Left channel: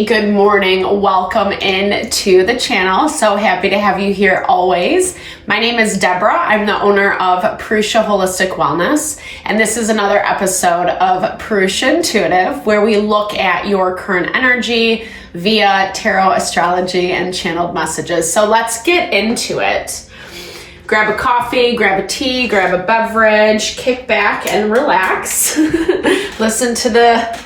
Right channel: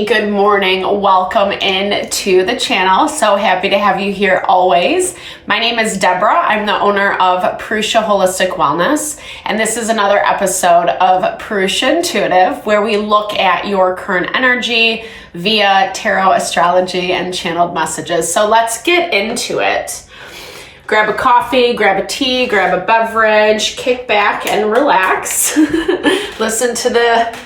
everybody. Good morning. Welcome in to the channel. So happy to have you here always. My name is Deborah. I'm the owner of Purusha Holistic Wellness, and this is another episode of Purusha Intuitive, where we look at your current energy via tarot, astrology, and channeled messages. So let's get into it. Grab a coffee, grab a tea, grab a beverage, kick back and relax. Listen to the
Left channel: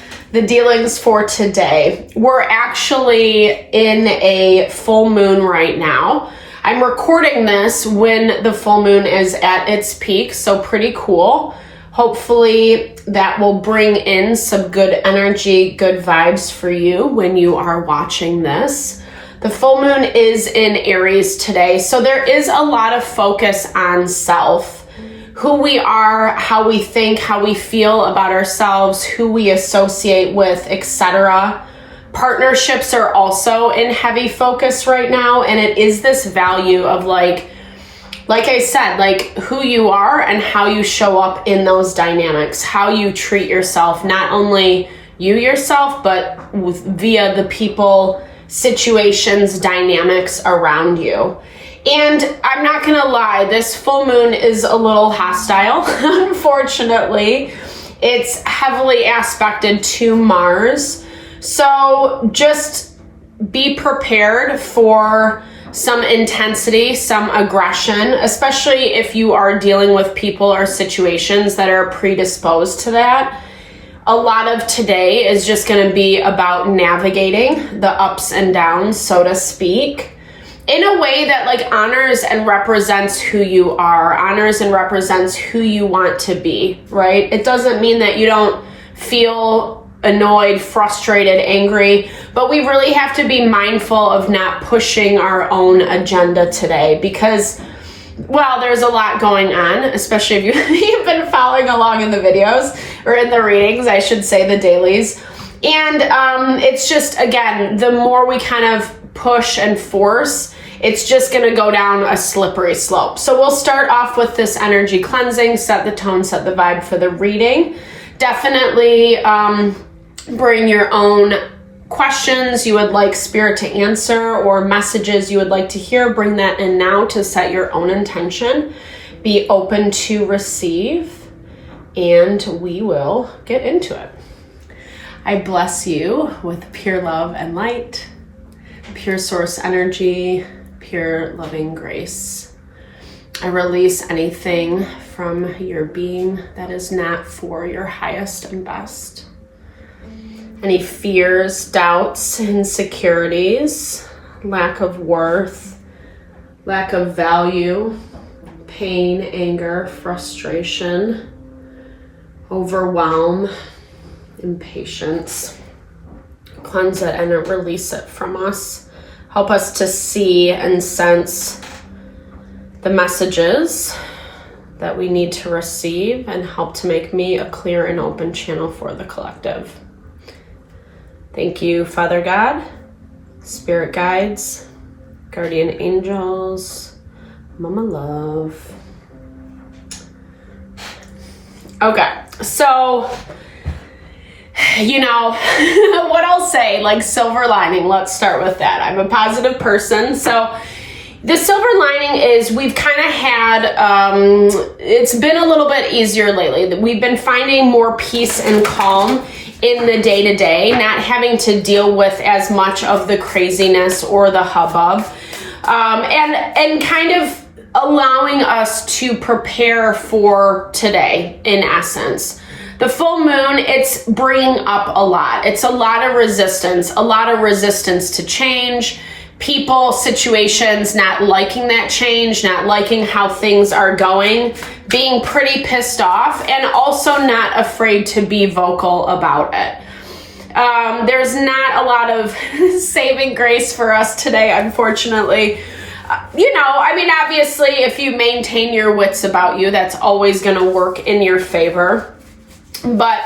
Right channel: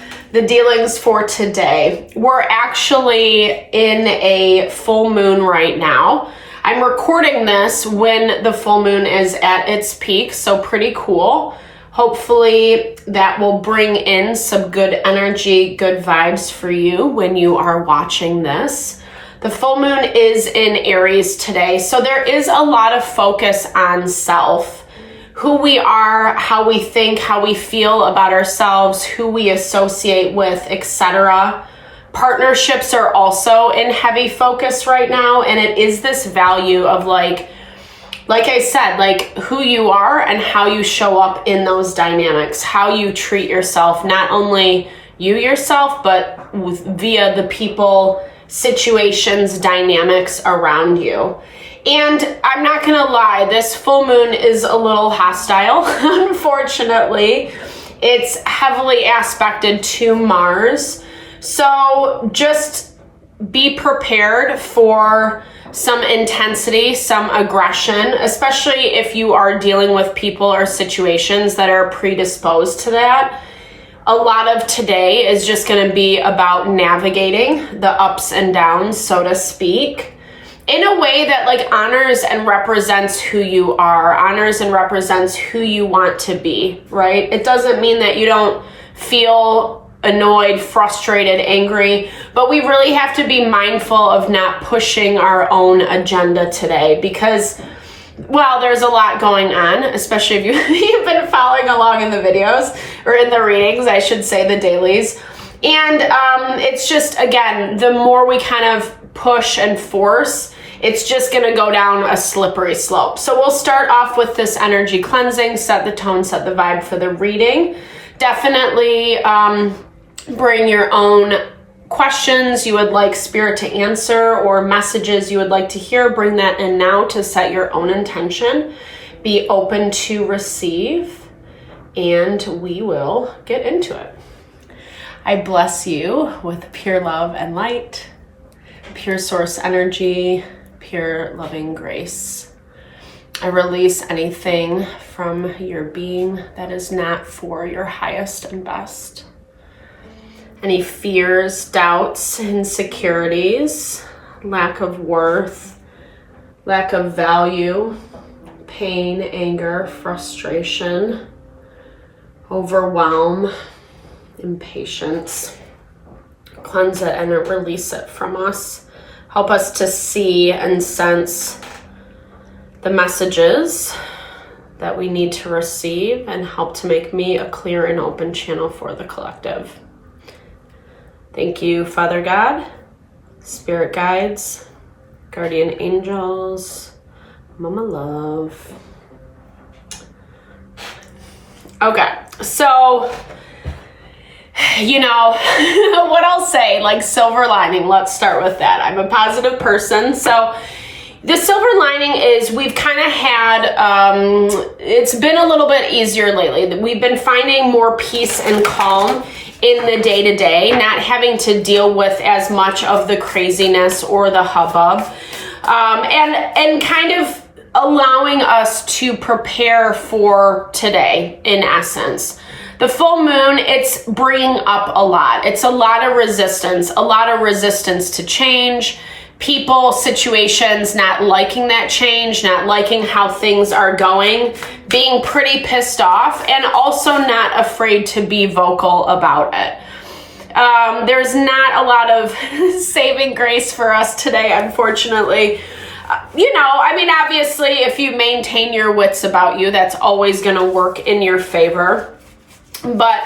dealings for today. We're actually in a full moon right now. I'm recording this when the full moon is at its peak, so pretty cool. Hopefully that will bring in some good energy, good vibes for you when you are watching this. The full moon is in Aries today, so there is a lot of focus on self. Who we are, how we think, how we feel about ourselves, who we associate with, etc. Partnerships are also in heavy focus right now, and it is this value of like I said, like who you are and how you show up in those dynamics, how you treat yourself, not only you yourself, but via the people, situations, dynamics around you. And I'm not gonna lie, this full moon is a little hostile, unfortunately. It's heavily aspected to Mars. So just be prepared for some intensity, some aggression, especially if you are dealing with people or situations that are predisposed to that. A lot of today is just gonna be about navigating the ups and downs, so to speak, in a way that like honors and represents who you are, honors and represents who you want to be, right? It doesn't mean that you don't feel annoyed, frustrated, angry, but we really have to be mindful of not pushing our own agenda today because, well, there's a lot going on, especially if you've been following along in the videos or in the readings, I should say the dailies. And it's just, again, the more we kind of push and force, it's just going to go down a slippery slope. So we'll start off with this energy cleansing, set the tone, set the vibe for the reading. Definitely bring your own questions you would like spirit to answer or messages you would like to hear. Bring that in now to set your own intention. Be open to receive, and we will get into it. I bless you with pure love and light, pure source energy, pure loving grace. I release anything from your being that is not for your highest and best. Any fears, doubts, insecurities, lack of worth, lack of value, pain, anger, frustration, overwhelm, impatience. Cleanse it and release it from us. Help us to see and sense the messages that we need to receive and help to make me a clear and open channel for the collective. Thank you, Father God, Spirit Guides, Guardian Angels, Mama Love. Okay, so you know, what I'll say, like silver lining, let's start with that. I'm a positive person. So the silver lining is we've kind of had, it's been a little bit easier lately. We've been finding more peace and calm in the day-to-day, not having to deal with as much of the craziness or the hubbub, and kind of allowing us to prepare for today, in essence. The full moon, it's bringing up a lot. It's a lot of resistance to change, people, situations not liking that change, not liking how things are going, being pretty pissed off, and also not afraid to be vocal about it. There's not a lot of saving grace for us today, unfortunately. You know, I mean, obviously, if you maintain your wits about you, that's always going to work in your favor. But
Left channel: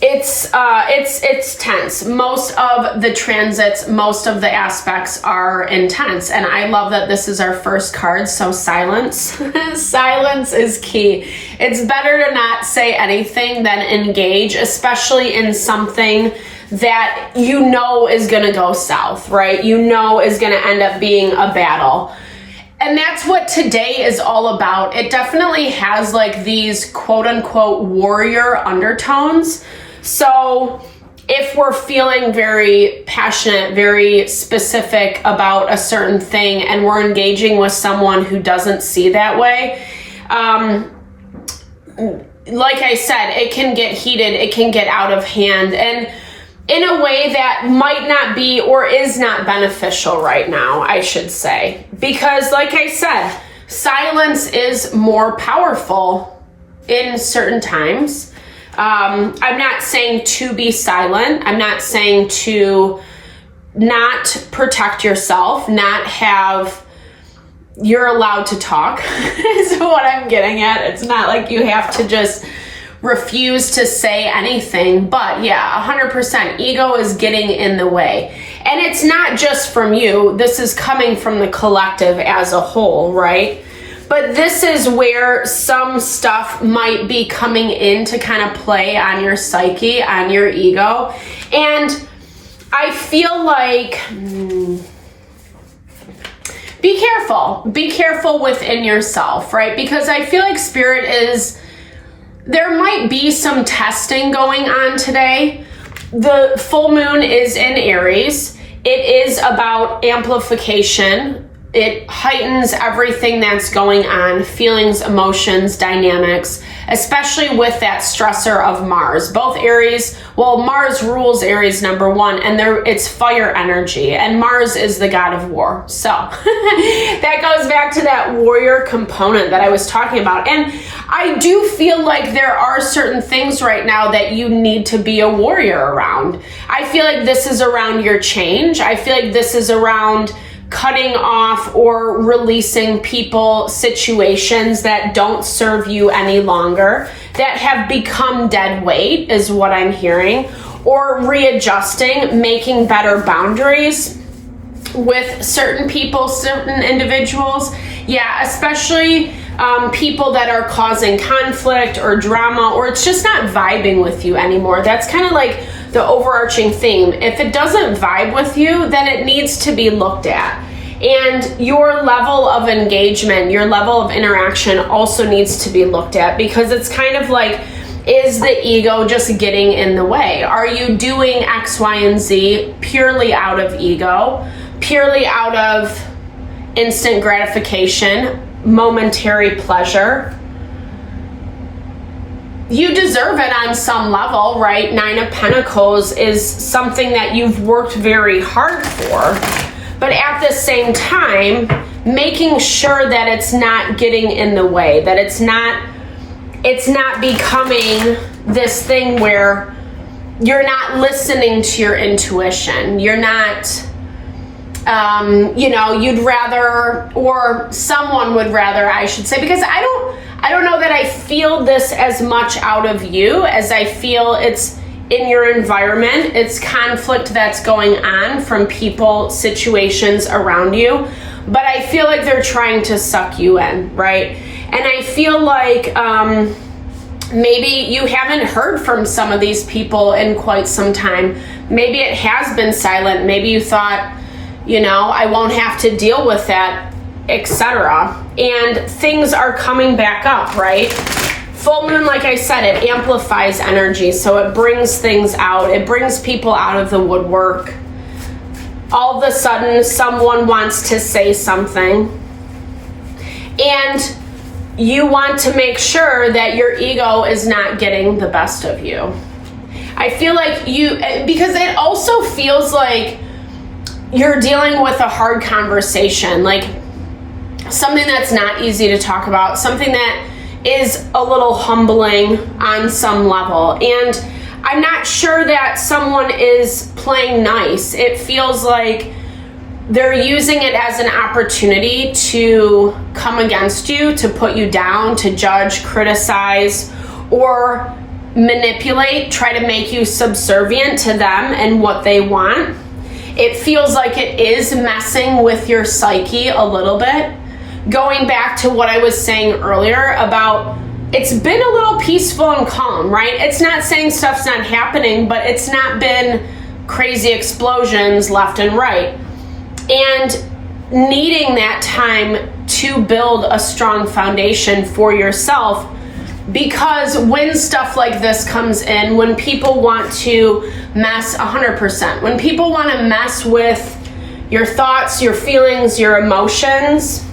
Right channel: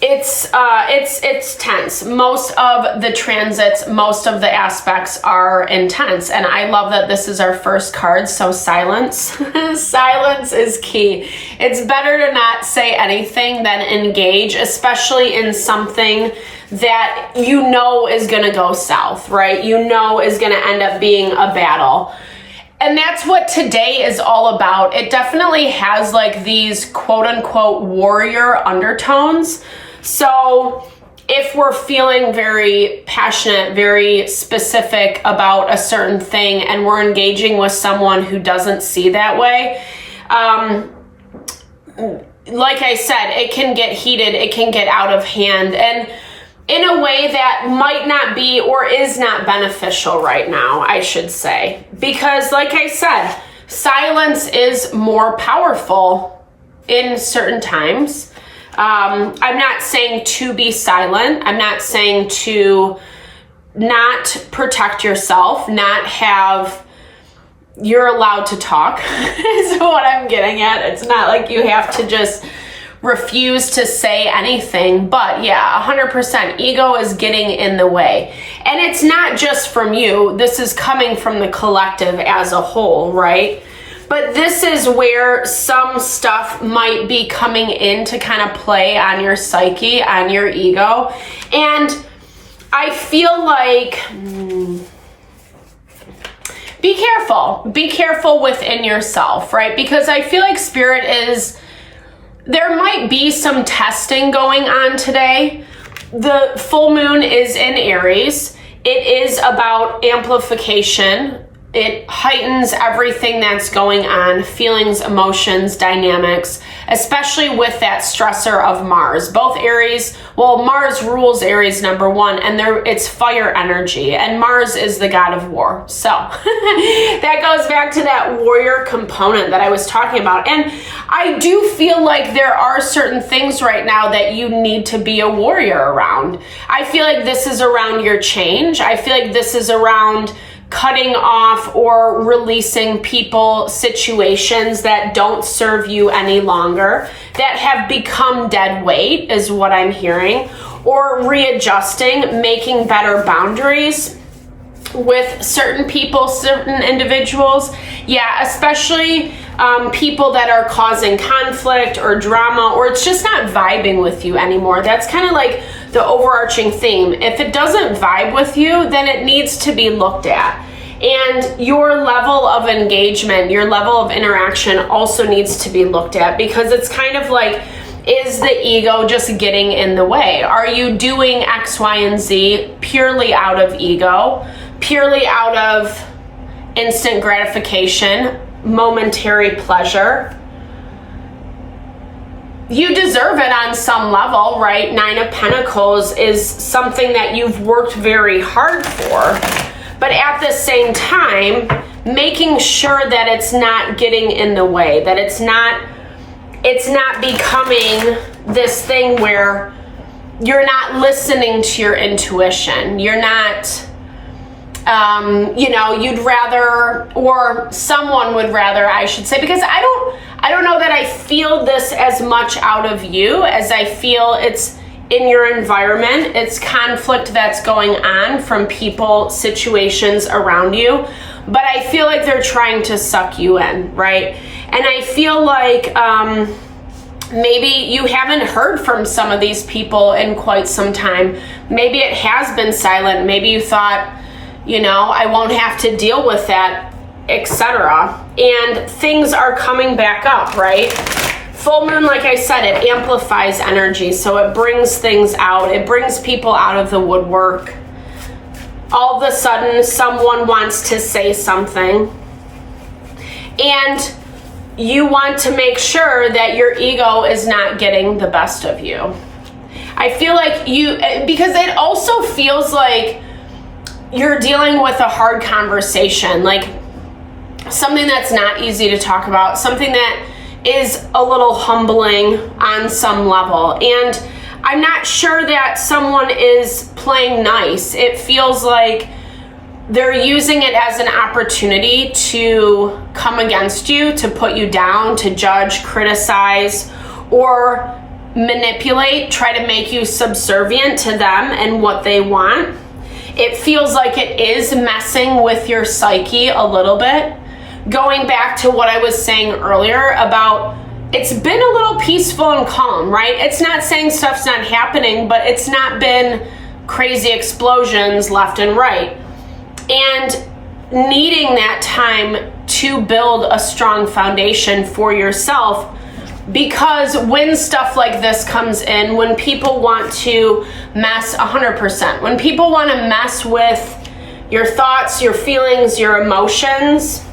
it's tense. Most of the transits, most of the aspects are intense. And I love that this is our first card, so silence. Silence is key. It's better to not say anything than engage, especially in something that you know is going to go south, right? You know is going to end up being a battle. And that's what today is all about. It definitely has like these quote unquote warrior undertones. So if we're feeling very passionate, very specific about a certain thing, and we're engaging with someone who doesn't see that way, like I said, it can get heated, it can get out of hand, and in a way that might not be or is not beneficial right now, I should say. Because like I said, silence is more powerful in certain times. I'm not saying to be silent. I'm not saying to not protect yourself, not have, you're allowed to talk is what I'm getting at. It's not like you have to just refuse to say anything, but yeah, 100% ego is getting in the way. And it's not just from you. This is coming from the collective as a whole, right? But this is where some stuff might be coming in to kind of play on your psyche, on your ego. And I feel like, be careful within yourself, right? Because I feel like Spirit is, there might be some testing going on today. The full moon is in Aries. It is about amplification. It heightens everything that's going on, feelings, emotions, dynamics, especially with that stressor of Mars. Both Aries, well, Mars rules Aries number one, and it's fire energy, and Mars is the god of war. So that goes back to that warrior component that I was talking about. And I do feel like there are certain things right now that you need to be a warrior around. I feel like this is around your change. I feel like this is around cutting off or releasing people, situations that don't serve you any longer, that have become dead weight is what I'm hearing, or readjusting, making better boundaries with certain people, certain individuals. Yeah, especially people that are causing conflict or drama, or it's just not vibing with you anymore. That's kind of like the overarching theme. If it doesn't vibe with you, then it needs to be looked at. And your level of engagement, your level of interaction also needs to be looked at, because it's kind of like, is the ego just getting in the way? Are you doing X, Y, and Z purely out of ego, purely out of instant gratification, momentary pleasure? You deserve it on some level, right? 9 of Pentacles is something that you've worked very hard for, but at the same time, making sure that it's not getting in the way, that it's not becoming this thing where you're not listening to your intuition. You're not, you'd rather, or someone would rather, I should say, because I don't know that I feel this as much out of you as I feel it's in your environment. It's conflict that's going on from people, situations around you, but I feel like they're trying to suck you in, right? And I feel like maybe you haven't heard from some of these people in quite some time. Maybe it has been silent. Maybe you thought, I won't have to deal with that, etc. And things are coming back up, right? Full moon, like I said, it amplifies energy, so it brings things out. It brings people out of the woodwork. All of a sudden, someone wants to say something, and you want to make sure that your ego is not getting the best of you. I feel like because it also feels like you're dealing with a hard conversation, like something that's not easy to talk about, something that is a little humbling on some level. And I'm not sure that someone is playing nice. It feels like they're using it as an opportunity to come against you, to put you down, to judge, criticize, or manipulate, try to make you subservient to them and what they want. It feels like it is messing with your psyche a little bit. Going back to what I was saying earlier about, it's been a little peaceful and calm, right? It's not saying stuff's not happening, but it's not been crazy explosions left and right. And needing that time to build a strong foundation for yourself, because when stuff like this comes in, when people want to mess 100%, when people want to mess with your thoughts, your feelings, your emotions,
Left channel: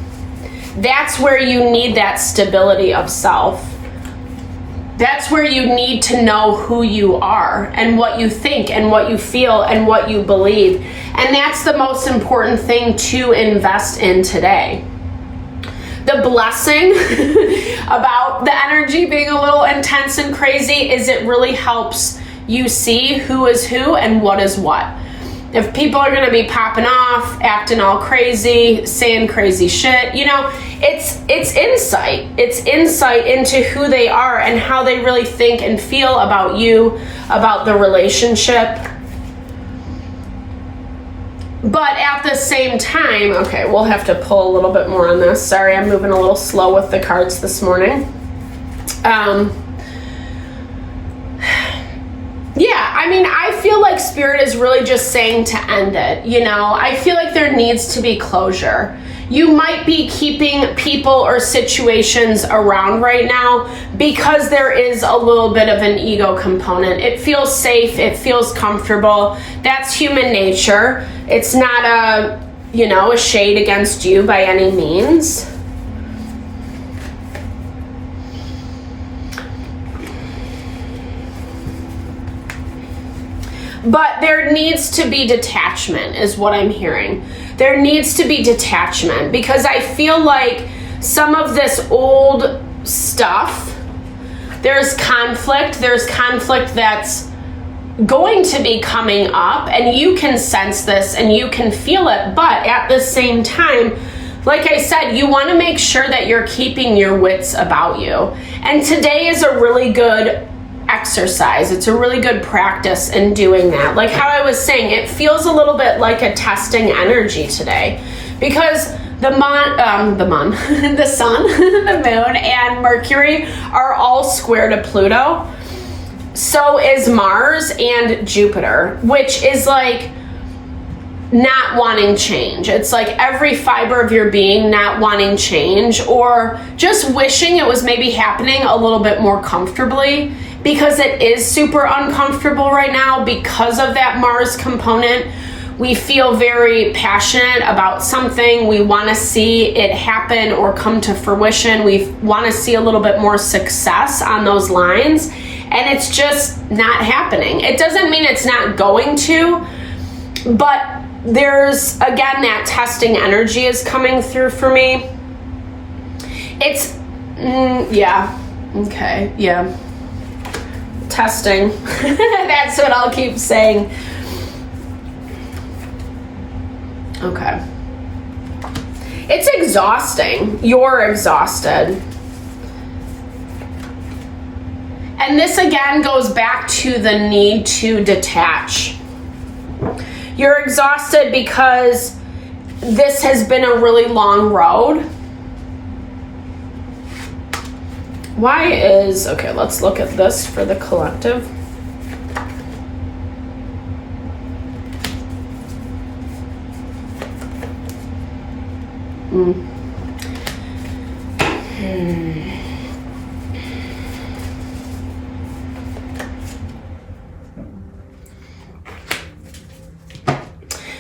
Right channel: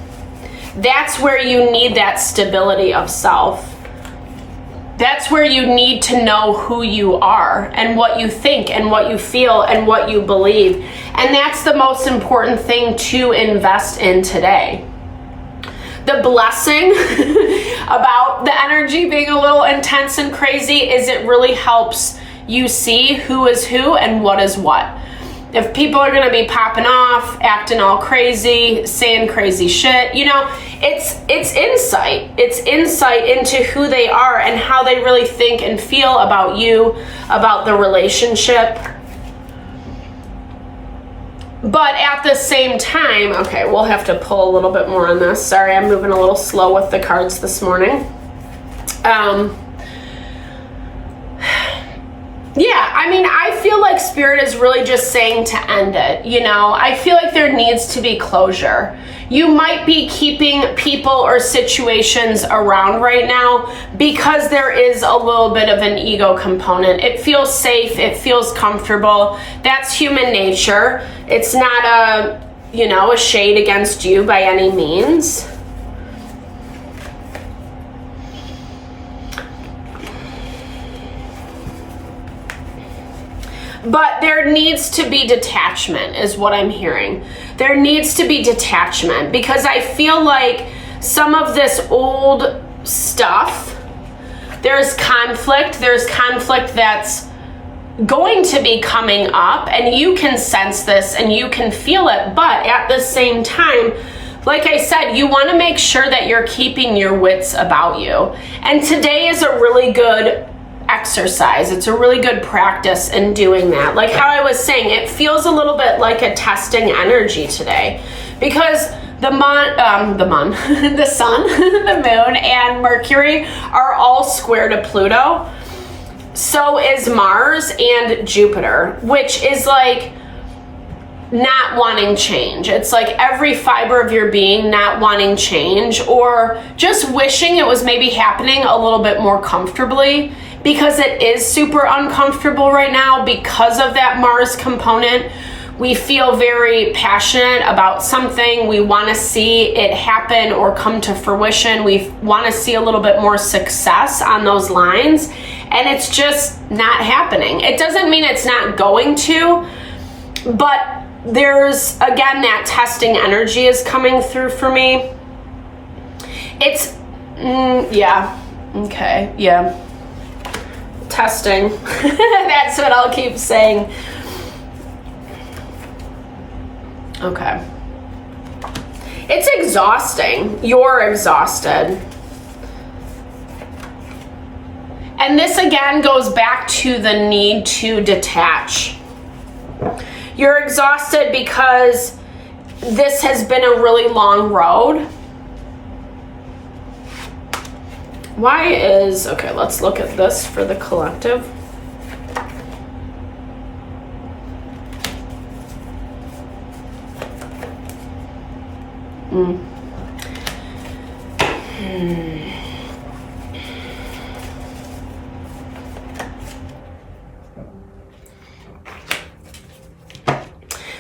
that's where you need that stability of self. That's where you need to know who you are and what you think and what you feel and what you believe. And that's the most important thing to invest in today. The blessing about the energy being a little intense and crazy is it really helps you see who is who and what is what. If people are going to be popping off, acting all crazy, saying crazy shit, you know, it's insight. It's insight into who they are and how they really think and feel about you, about the relationship. But at the same time, okay, we'll have to pull a little bit more on this. Sorry, I'm moving a little slow with the cards this morning. Yeah, I mean, I feel like Spirit is really just saying to end it, you know? I feel like there needs to be closure. You might be keeping people or situations around right now because there is a little bit of an ego component. It feels safe, it feels comfortable. That's human nature. It's not a, you know, a shade against you by any means. But there needs to be detachment is what I'm hearing. There needs to be detachment because I feel like some of this old stuff, there's conflict that's going to be coming up, and you can sense this and you can feel it. But at the same time, like I said, you want to make sure that you're keeping your wits about you. And today is a really good exercise. It's a really good practice in doing that. Like how I was saying, it feels a little bit like a testing energy today because the sun, the moon, and Mercury are all square to Pluto. So is Mars and Jupiter, which is like not wanting change. It's like every fiber of your being not wanting change, or just wishing it was maybe happening a little bit more comfortably, because it is super uncomfortable right now because of that Mars component. We feel very passionate about something. We want to see it happen or come to fruition. We want to see a little bit more success on those lines, and it's just not happening. It doesn't mean it's not going to, but there's, again, that testing energy is coming through for me. It's, yeah, okay, yeah. Testing. That's what I'll keep saying. Okay. It's exhausting. You're exhausted. And this again goes back to the need to detach. You're exhausted because this has been a really long road. Why is, okay, let's look at this for the collective.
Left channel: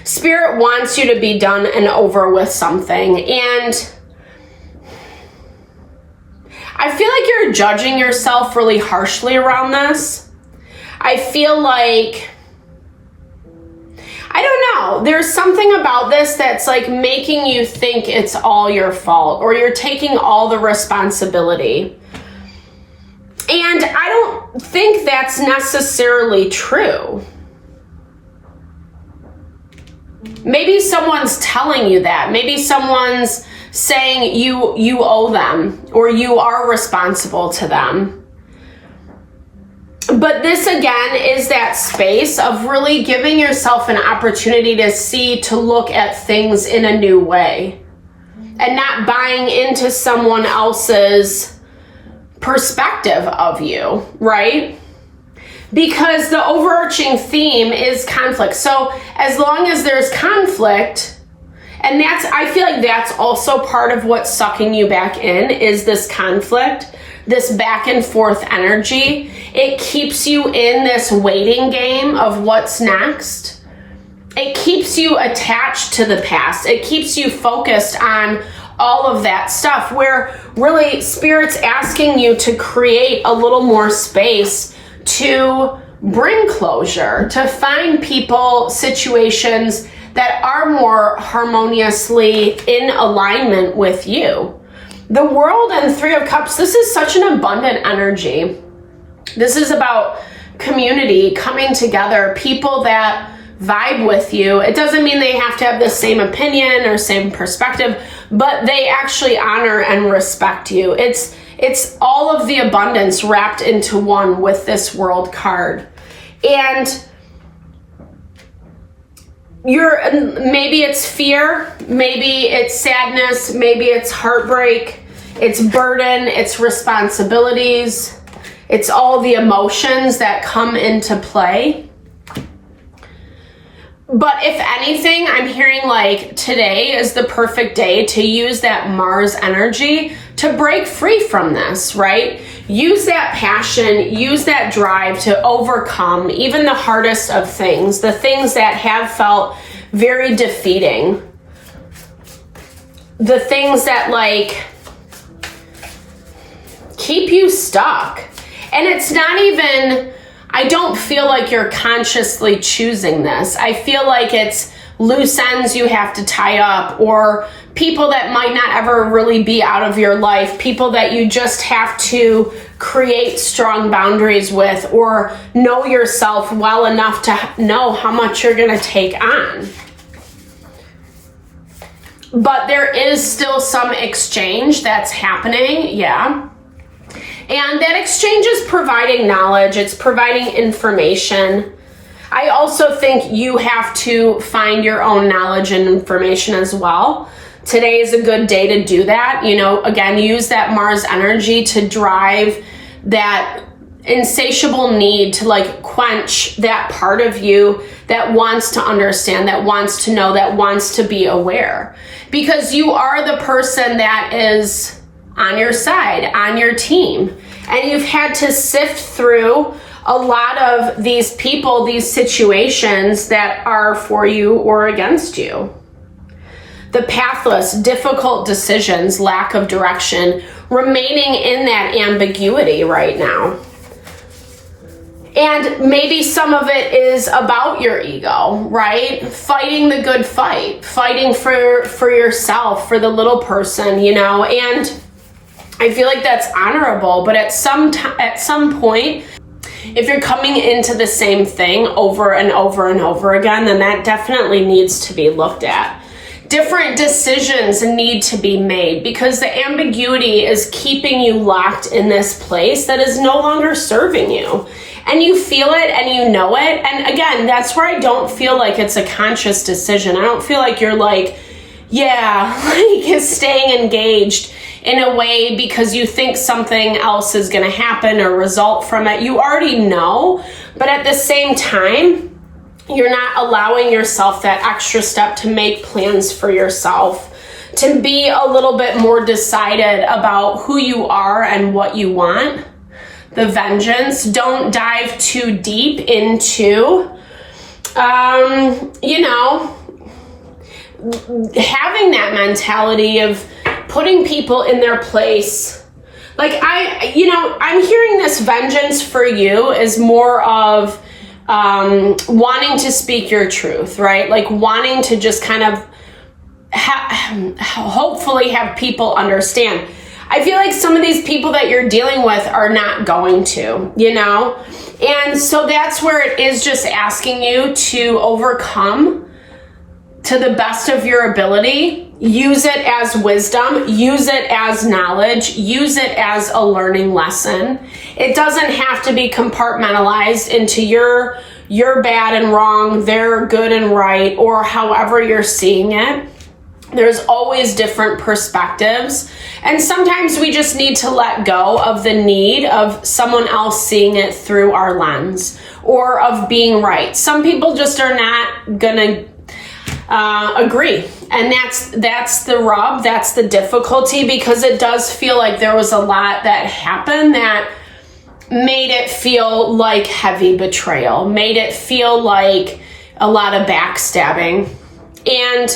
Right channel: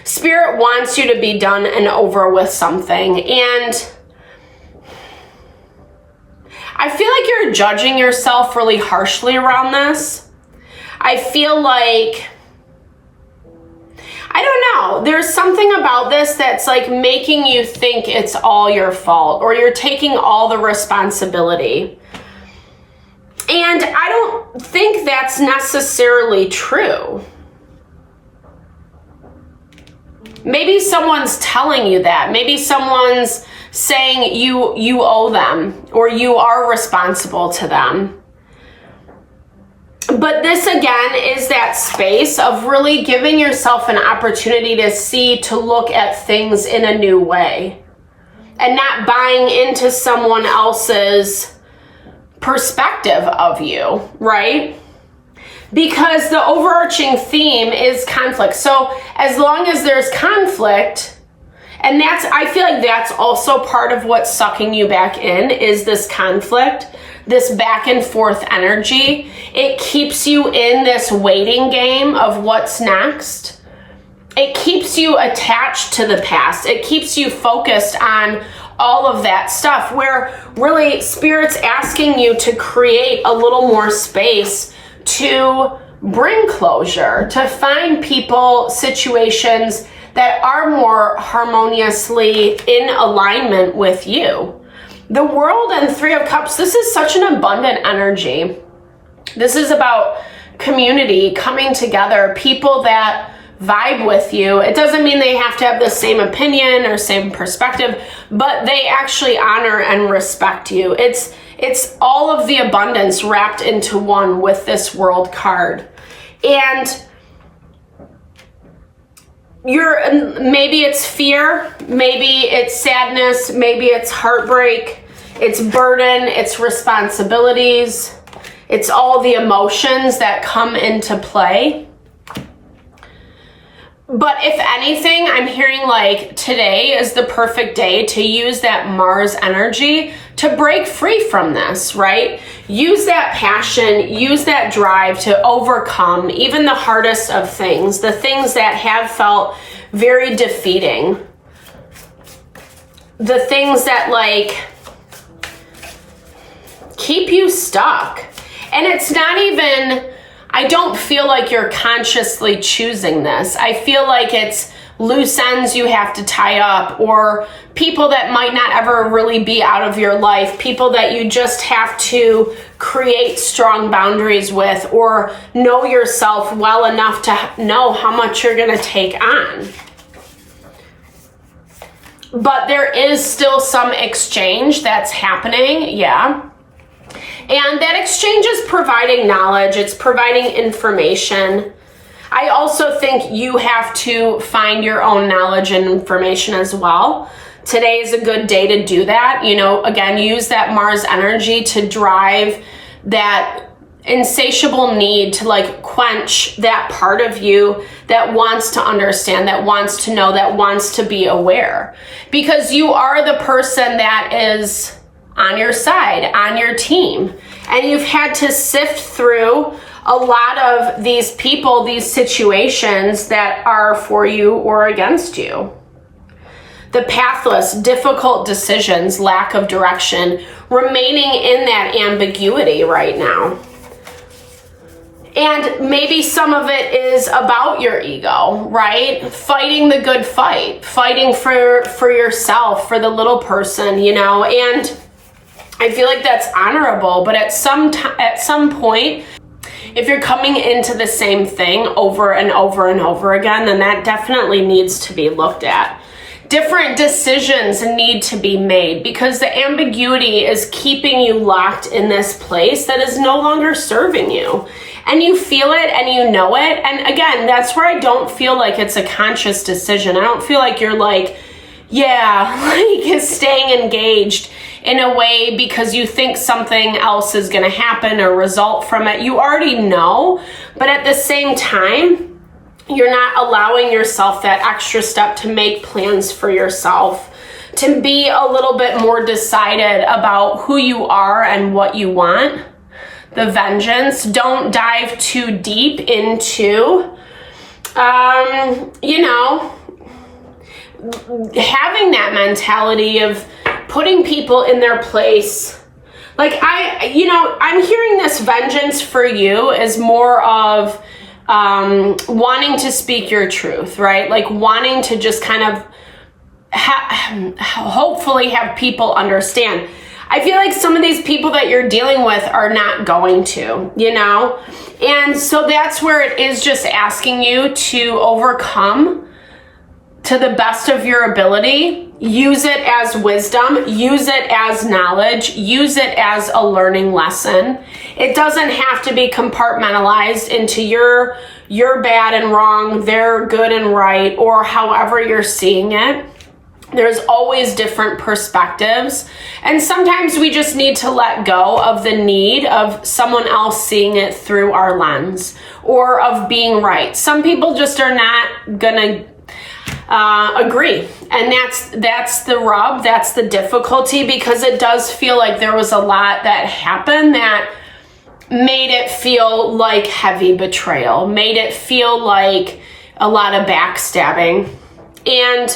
Spirit wants you to be done and over with something, and I feel like you're judging yourself really harshly around this. I feel like, I don't know, there's something about this that's like making you think it's all your fault, or you're taking all the responsibility. And I don't think that's necessarily true. Maybe someone's telling you that. Maybe someone's saying you owe them, or you are responsible to them. But this again is that space of really giving yourself an opportunity to see, to look at things in a new way, and not buying into someone else's perspective of you, right? because the overarching theme is conflict. So as long as there's conflict, and I feel like that's also part of what's sucking you back in, is this conflict, this back and forth energy. It keeps you in this waiting game of what's next. It keeps you attached to the past. It keeps you focused on all of that stuff, where really Spirit's asking you to create a little more space to bring closure, to find people, situations that are more harmoniously in alignment with you. The World and Three of Cups, this is such an abundant energy. This is about community, coming together, people that vibe with you. It doesn't mean they have to have the same opinion or same perspective, but they actually honor and respect you. It's all of the abundance wrapped into one with this World card. And maybe it's fear, maybe it's sadness, maybe it's heartbreak, it's burden, it's responsibilities, it's all the emotions that come into play. But if anything, I'm hearing like today is the perfect day to use that Mars energy to break free from this, right? Use that passion, use that drive to overcome even the hardest of things, the things that have felt very defeating, the things that like keep you stuck. And it's not even, I don't feel like you're consciously choosing this. I feel like it's loose ends you have to tie up, or people that might not ever really be out of your life, people that you just have to create strong boundaries with, or know yourself well enough to know how much you're going to take on. But there is still some exchange that's happening, yeah. And that exchange is providing knowledge, it's providing information. I also think you have to find your own knowledge and information as well. Today is a good day to do that. You know, again, use that Mars energy to drive that insatiable need to like quench that part of you that wants to understand, that wants to know, that wants to be aware. Because you are the person that is on your side, on your team. And you've had to sift through a lot of these people, these situations that are for you or against you. The pathless, difficult decisions, lack of direction, remaining in that ambiguity right now. And maybe some of it is about your ego, right? Fighting the good fight, fighting for yourself, for the little person, you know, and I feel like that's honorable, but at some point, if you're coming into the same thing over and over and over again, then that definitely needs to be looked at. Different decisions need to be made because the ambiguity is keeping you locked in this place that is no longer serving you. And you feel it and you know it. And again, that's where I don't feel like it's a conscious decision. I don't feel like you're like, yeah, like staying engaged in a way because you think something else is going to happen or result from it. You already know, but at the same time, you're not allowing yourself that extra step to make plans for yourself, to be a little bit more decided about who you are and what you want. The vengeance, don't dive too deep into, you know, having that mentality of putting people in their place. Like I'm hearing this vengeance for you is more of wanting to speak your truth, right? Like wanting to just kind of hopefully have people understand. I feel like some of these people that you're dealing with are not going to, you know? And so that's where it is just asking you to overcome to the best of your ability. Use it as wisdom, use it as knowledge, use it as a learning lesson. It doesn't have to be compartmentalized into you're bad and wrong, they're good and right, or however you're seeing it. There's always different perspectives. And sometimes we just need to let go of the need of someone else seeing it through our lens or of being right. Some people just are not gonna agree. And that's the rub, that's the difficulty, because it does feel like there was a lot that happened that made it feel like heavy betrayal, made it feel like a lot of backstabbing. And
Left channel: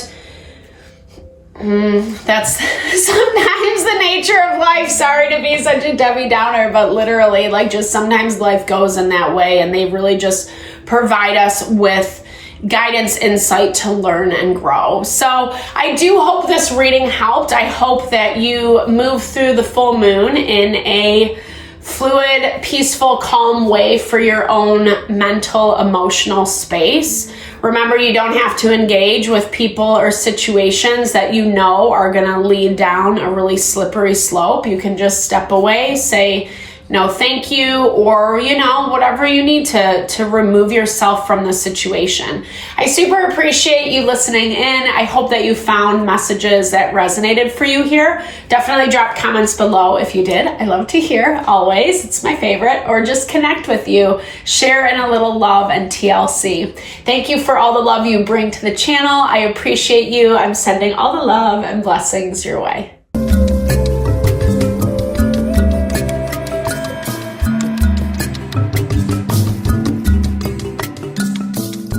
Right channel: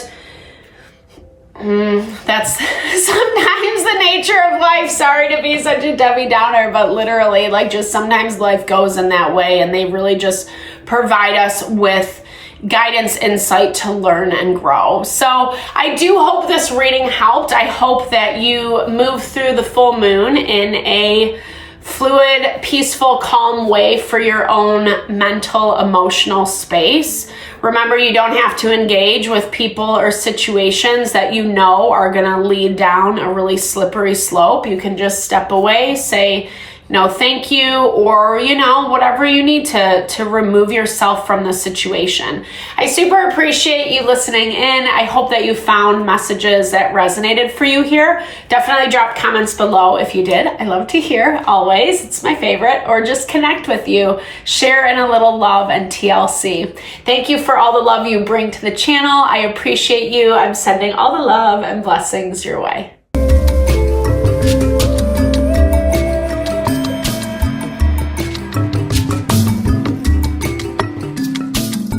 that's sometimes the nature of life. Sorry to be such a Debbie Downer, but literally, like, just sometimes life goes in that way, and they really just provide us with guidance, insight to learn and grow. So I do hope this reading helped. I hope that you move through the full moon in a fluid, peaceful, calm way for your own mental, emotional space. Remember, you don't have to engage with people or situations that you know are going to lead down a really slippery slope. You can just step away, say no thank you, or, you know, whatever you need to remove yourself from the situation. I super appreciate you listening in. I hope that you found messages that resonated for you here. Definitely drop comments below if you did. I love to hear, always. It's my favorite. Or just connect with you. Share in a little love and TLC. Thank you for all the love you bring to the channel. I appreciate you. I'm sending all the love and blessings your way.